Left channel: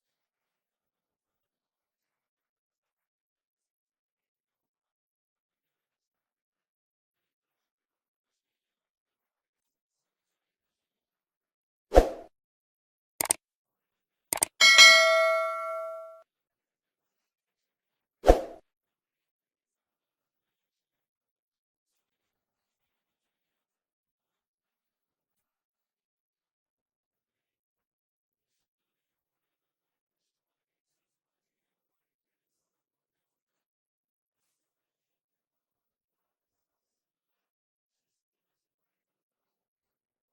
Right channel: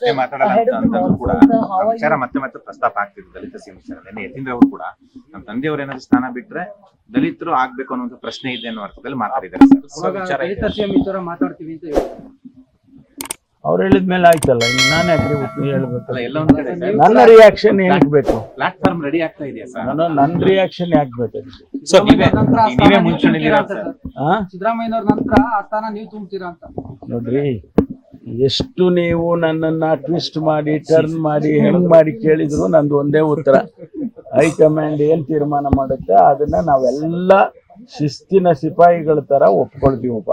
ಪ್ರಶ್ನೆ ಮಾತಾಡೋದಂತಂದ್ರೂ ಕೂಡ ವಿಚಾರ ಮತ್ತೆ ಪ್ರಸ್ತಾಪ ಆಗ್ತಿದೆ ದಲಿತ ಸಿಎಂ ವಿಚಾರ. ನಿನ್ನೆ ಯತೀಂದ್ರ ಅವರು ಕೂಡ ನಮ್ಮ ತಂದೆಯವರು ಏನಾದ್ರು ಸ್ಥಾನ ಬಿಟ್ರೆ ದಲಿತರು ಆಗ್ಬೇಕು ಅನ್ನೋ ಪ್ರಶ್ನೆ ಇದೆ ಅನ್ನೋ ಅರ್ಥದಲ್ಲಿ ಮಾತಾಡಿದ್ದಾರೆ ಸರ್. ಮಾತಾಡ್ತೀವಿ ಅಂತ ಹೇಳಿ ಅವ್ರು ಹೇಳಿದ್ಮೇಲೆ ಆಯ್ತಲ್ಲ, ನಾನು ಯಾಕೆ ಹೇಳ್ಬೇಕು? ಎಲ್ಲ ಒಂದ್ ಕಡೆ ನನ್ನ ರಿಯಾಕ್ಷನ್ ಏನಕ್ಕೆ ಬೇಕು? ಪ್ಲಾಟ್ಫಾರ್ಮ್ ರೆಡಿ ಆಗ್ತಾ ಇದೆಯಾ ಸರ್? ನನ್ನ ರಿಯಾಕ್ಷನ್ ಯಾಕೆ ಬೇಕು? ಸರ್ ನೀವೇ ಮುಂಚೂಣಿಲಿರೋ ಸರ್. ಸಿದ್ದರಾಮಯ್ಯನವ್ರ ನಂತರ ಆ ಸ್ಥಾನ ನೀವು ತುಂಬ್ತೀರಾ ಅಂತ ನೋಡ್ರಿ, ಎಷ್ಟು ನೀವು ನನ್ನನ್ನ ಟ್ವಿಸ್ಟ್ ಮಾಡಿ ಟರ್ನ್ ಮಾಡಿ ಹೆಂಗ್ ಮಾಡಿ ಕೇಳಿದ್ರು ನಂದು ಒಂದೇ ಉತ್ತರ. ಹೈಕಮಾಂಡ್ ಏನ್ ತೀರ್ಮಾನ ಮಾಡುತ್ತೆ ಅದನ್ನ ನಾವೆಲ್ಲ ಶಿಸ್ತಿನ ಸಿಪಾಯಿಗಳ ತರ ಒಪ್ಕೊಳ್ತೀವಪ್ಪ.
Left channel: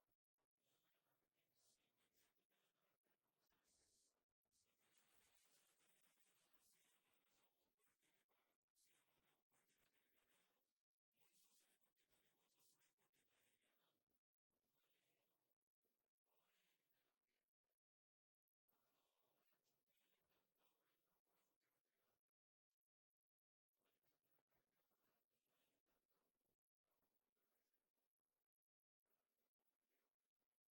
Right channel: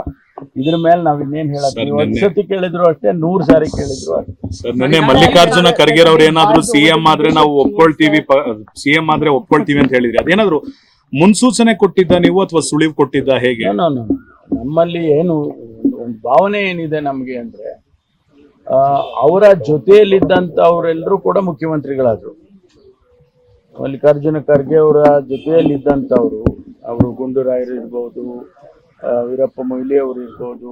ಇದ್ರ ಮೇಲೆ ನಾವ್ ಇನ್ನೇನ್ ಹೇಳತ್ತೀವಿ? ಒಂದ್ಸತಿ ಕೇಳಿದ್ರು ಅಷ್ಟೇ, 100 ಸಾರಿ ಕೇಳಿದ್ರು ಅಷ್ಟೇ. ಸರ್, ನಿನ್ನೆ ಮಲ್ಲಿಕಾರ್ಜುನ ಖರ್ಗೆ ಅವ್ರು ಏನಾದ್ರು ಸಿಎಂ ಆದ್ರೆ ನಾವು ಒಪ್ಕೊಳ್ತೀವಿ, ಸಿಎಂ ಆದ್ರೆ ಒಪ್ಕೊಳ್ತೀವಿ ಅಂತ ಹೇಳಿದ್ರಿ. ಅದೇನಾದ್ರು ಮುನ್ಸೂಚನೆ ಕೊಟ್ಟಿದ್ದ ನೀವು ಅಥವಾ ಸುಳಿವು ಕೊಟ್ಟಿದ್ದ, ಹೇಗೆ? ನಮ್ಮಲ್ಲಿ ಏನು ಒಂದು ಭಾವನೆ ಏನಿದೆ ನಮ್ಗೆ ಅಂದ್ರೆ, ಅವರ ಜೊತೆಯಲ್ಲಿದ್ದಂತ ಅವರೆಲ್ಲರೂ ಕೂಡ ಮುಖ್ಯಮಂತ್ರಿಗಳಾದ್ರು. ಮಲ್ಲಿಕಾರ್ಜುನ ಖರ್ಗೆ ಅವರ ಜೊತೆಯಲ್ಲಿದ್ದಂಥವ್ರು, ಅವರು ಗುಂಡೂರಾಯರು ಇರ್ಬೋದು, ವೀರಪ್ಪ ಮೊಯ್ಲಿ ಅವರು ಇರ್ಬೋದು,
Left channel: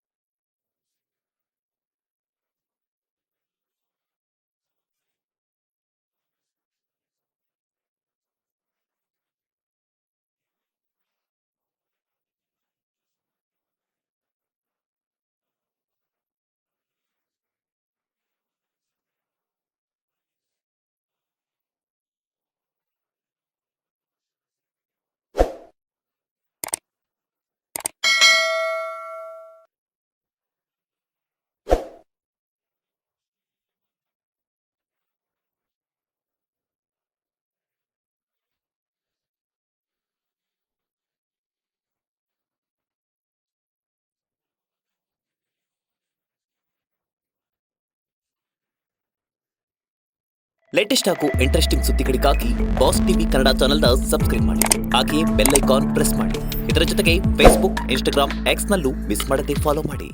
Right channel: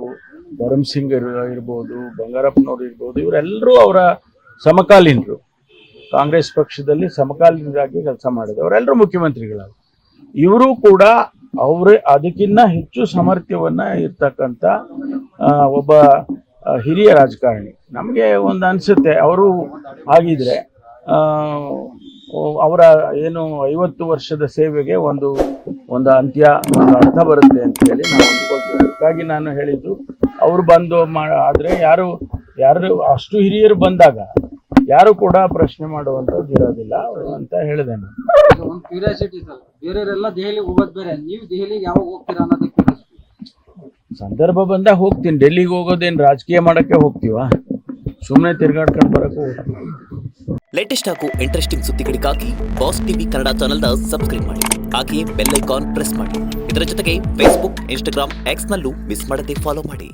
ಭರಮ್ಸಿಂಗ್ ಇರ್ಬೋದು, ಬಂಗಾರಪ್ಪನವ್ರು ಇರ್ಬೋದು, ಇವರೆಲ್ಲರೂ ಅವರ ಸಮಕಾಲೀನರು. ಕಾಂಗ್ರೆಸ್ ಪಕ್ಷದಲ್ಲಿ ಸಮಕಾಲೀನರಾಗಿ ಕೆಲಸ ಮಾಡಿದ್ರು. ಅವರೆಲ್ಲರೂ ಮುಖ್ಯಮಂತ್ರಿಗಳಾದ್ರು. ಇವರು ಕೂಡ ಅದಕ್ಕಿಂತ ಹೆಚ್ಚು ಸಾಮರ್ಥ್ಯವನ್ನ ಇರ್ತಕ್ಕಂಥ ಒಬ್ಬ ಹಿರಿಯ ರಾಜಕಾರಣಿ. ನಮಗೆ ಒಂದು ಅನ್ಸುತ್ತೆ, ಅವರು ಆಗಿದ್ರೆ ಅವರ ಏನು 50 ವರ್ಷದ ಸೇವೆಗೆ ಒಂದು ಅಂತ್ಯ, ಒಂದು ಅರ್ಥ ಬರುತ್ತೆ ಅಂತ ಹೇಳಿ ನಾನು ಅಂದ್ಕೊಳ್ತೀನಿ. ಅದಕ್ಕಾಗಿ ನಾನು ಹೇಳಿದ್ದು, ಅವರು ಬಂದು ಆದ್ರೆ ಯಾರು ಅಷ್ಟು ಹಿರಿಯರು ಬಂದಾಗ ಯಾರು ಕೂಡ ಪ್ರಶ್ನೆ ಮಾಡುವಂಥದ್ದು ಇರೋದಿಲ್ಲ ಅಂತ ಹೇಳಿದೆ ನಾನು. ಒಂದು ಕ್ಯೂರಿಯಾಸಿಟಿ ಸರ್, ಬೇರೆಯವರೆಲ್ಲ ದೆಹಲಿಗೆ ಹೋಗೋದು ಬೇರೆ, ನೀವು ದೆಹಲಿಗೆ ಯಾವಾಗ ಹೋಗ್ತೀರಾ ಅನ್ನೋದಕ್ಕೆ ಸಂದರ್ಭ ಬಂದಾಗ ಹೋಗ್ತೀನಿ. ಡೆಲ್ಲಿಗೆ ಹೋಗೋದೇನು ರಾಜಕೀಯ ಮಾಡಕ್ಕೆ ಹೋಗ್ತೀವಾ? ಸುಮ್ಮನೆ ತಿರ್ಗಾಡ್ಕೊಂಡು ಬರಕ್ಕೆ ಹೋಗ್ತೀವಿ. ಲೇಟೆಸ್ಟ್ ಹಾಗೂ ಇಂಟ್ರೆಸ್ಟಿಂಗ್ ಸುದ್ದಿಗಳಿಗಾಗಿ ಬಾಸ್ ಟಿವಿ ಕನ್ನಡ ಚಾನೆಲ್ನ ಸಬ್ಸ್ಕ್ರೈಬ್ ಮಾಡಿ. ಹಾಗೆಯೇ ಬೆಲ್ ಐಕಾನ್ ಪ್ರೆಸ್ ಮಾಡಿ. ಇದರ ಜೊತೆಗೆ ಫೇಸ್ಬುಕ್, ಇನ್ಸ್ಟಾಗ್ರಾಮ್, ಎಕ್ಸ್ನಲ್ಲೂ ಮಿಸ್ ಮಾಡದೆ ಫಾಲೋ ಮಾಡಿ.